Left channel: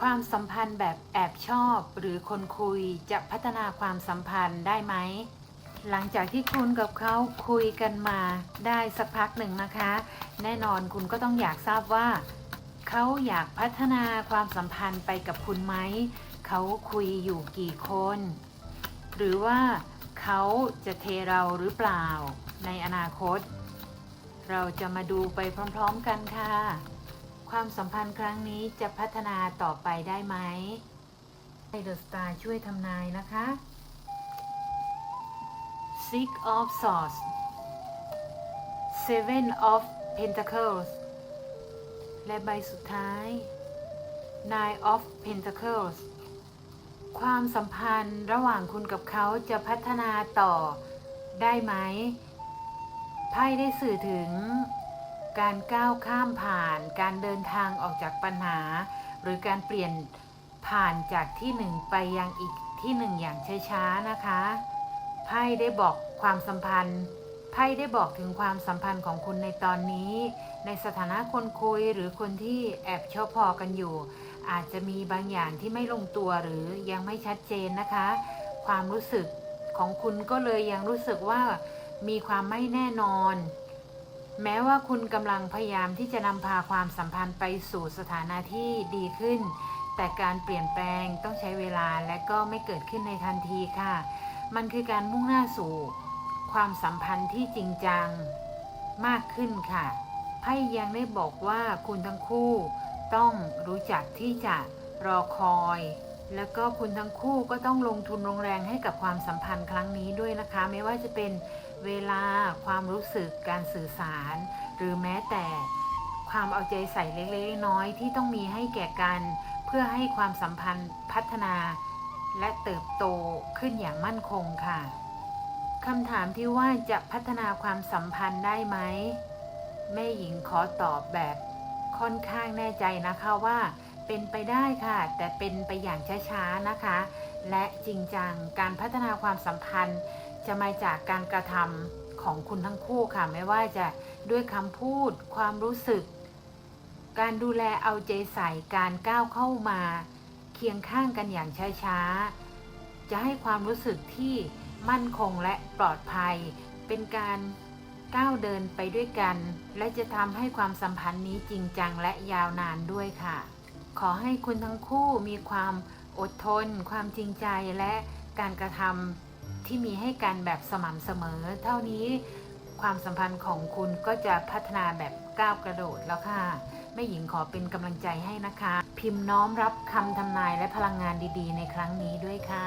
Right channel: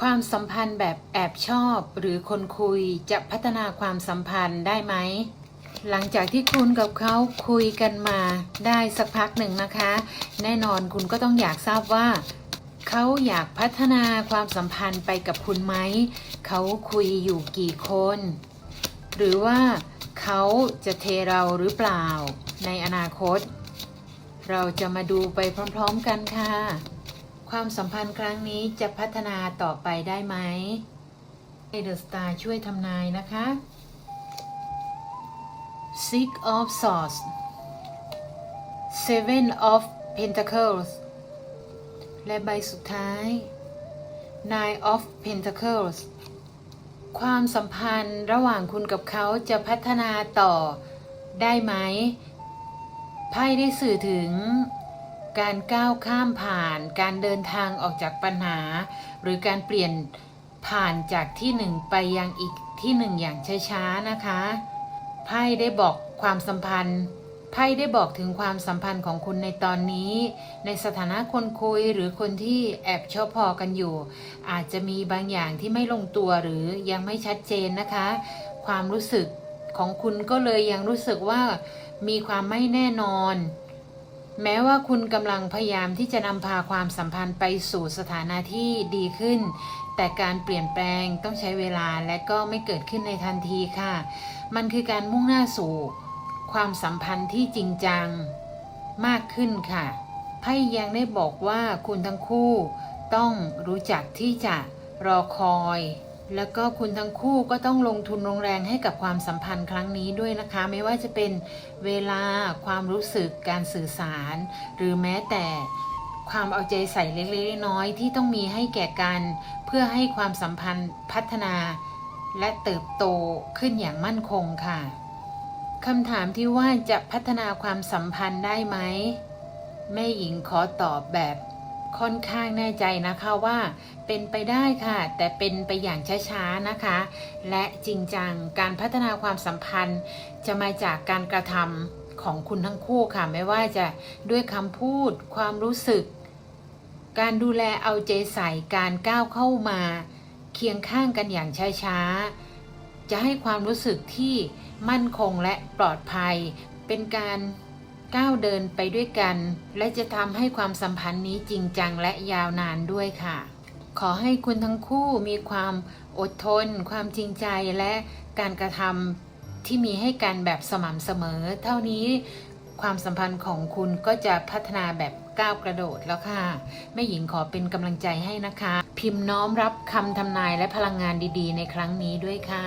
ความสัมพันธ์แบบแอบชอบหรือคนคุยจะพัฒนาความสัมพันธ์ได้ไหม หลังจากที่คุณกับเขาคุยกันมาได้สักพักหนึ่งนะคะ แน่นอนคุณก็ต้องอยากทราบว่า เขาอยากพัฒนาความสัมพันธ์ไปกับคุณไหม เขาคุยอยู่กี่คน หรือว่าเขาจะเทเราหรือเปล่าในอนาคต เราจะมาดูไปพร้อมๆกันค่ะ ความสัมพันธ์ครั้งนี้จะพัฒนาต่อไปได้ไหมให้เดอะสตาร์ช่วยทำนายนะคะ Six of Swords Seven of Pentacles และใบสุดท้าย Nine of Pentacles ความสัมพันธ์ระหว่างคุณกับเขาจะพัฒนาต่อได้ไหม ไพ่ได้สื่อถึง การก้าวข้ามผ่าน การเดินทางออกจากปัญหา หรือการเปลี่ยนผ่านจากที่หนึ่งไปยังอีกที่หนึ่งอย่างช้าๆนะคะ ไพ่ได้บอกความสัมพันธ์ ไพ่ได้บอกถึงความสัมพันธ์ของคุณในตอนนี้ ในสถานะคนคุยหรือคนที่แอบชอบพอกันอยู่ อาจจะมีบางอย่างที่ไม่ลงตัวหรือยังไม่ชัดเจนนะคะ ความรู้สึกของคุณก็เลยยังรู้สึกว่ามีความไม่แน่นอน แม้ว่าคุณกำลังพยายามที่จะนำพาความสัมพันธ์ไปสู่สถานะที่ดีขึ้น แต่การเปลี่ยนแปลงต้องใช้เวลาและก็ไม่เกิดขึ้นในทันทีค่ะ มันคือการมุ่งหน้าสู่ ความสัมพันธ์ที่จริงจังมากขึ้นค่ะไพ่ยังได้บอกว่าคุณทั้งคู่ ต้องรู้จักที่จะรอคอย แล้วก็คุณทั้งคู่ก็ต้องลงทุนลงแรงให้กับความสัมพันธ์ครั้งนี้ด้วยนะคะ ไม่ว่าจะเป็นเวลาความรู้สึกการสื่อสาร หรือแม้แต่ความเอาใจใส่เล็กๆน้อยๆที่ต้องมีให้แก่กัน เพื่อให้ความสัมพันธ์พัฒนา และเติบโตขึ้นอย่างมั่นคงค่ะคำถามที่ว่าจะพัฒนาความสัมพันธ์ได้ไหมแม่หญิงขอตอบแบบ ค่อนข้างแน่ใจนะคะว่าเป็นไปได้ค่ะ แต่เป็นไปอย่างช้าๆนะคะ และจริงจังการพัฒนาความสัมพันธ์ จะมาจากการกระทำของคุณทั้งคู่ค่ะ ไม่ว่าจะด้วยคำพูด ความรู้สึก การดูแลเอาใจใส่การก้าวเข้ามา เคียงข้างกันอย่างช้าๆจะให้ความรู้สึกที่มั่นคงและปลอดภัย เป็นการ ก้าวเดินไปด้วยกัน และจะทำให้ความสัมพันธ์นี้จริงจังและยาวนานด้วยค่ะ ขอให้คุณทั้งคู่มีความอดทน ความจริงใจและการกระทำที่มีให้กันแบบสม่ำเสมอ เท่านี้ความสัมพันธ์ของคุณก็จะพัฒนาแบบก้าวกระโดดแล้วค่ะแม่หญิงขอเป็นกำลังใจให้นะคะ พิมพ์น้อมรับคำทำนายและพลังงานดีๆ ในครั้งนี้ด้วยค่ะ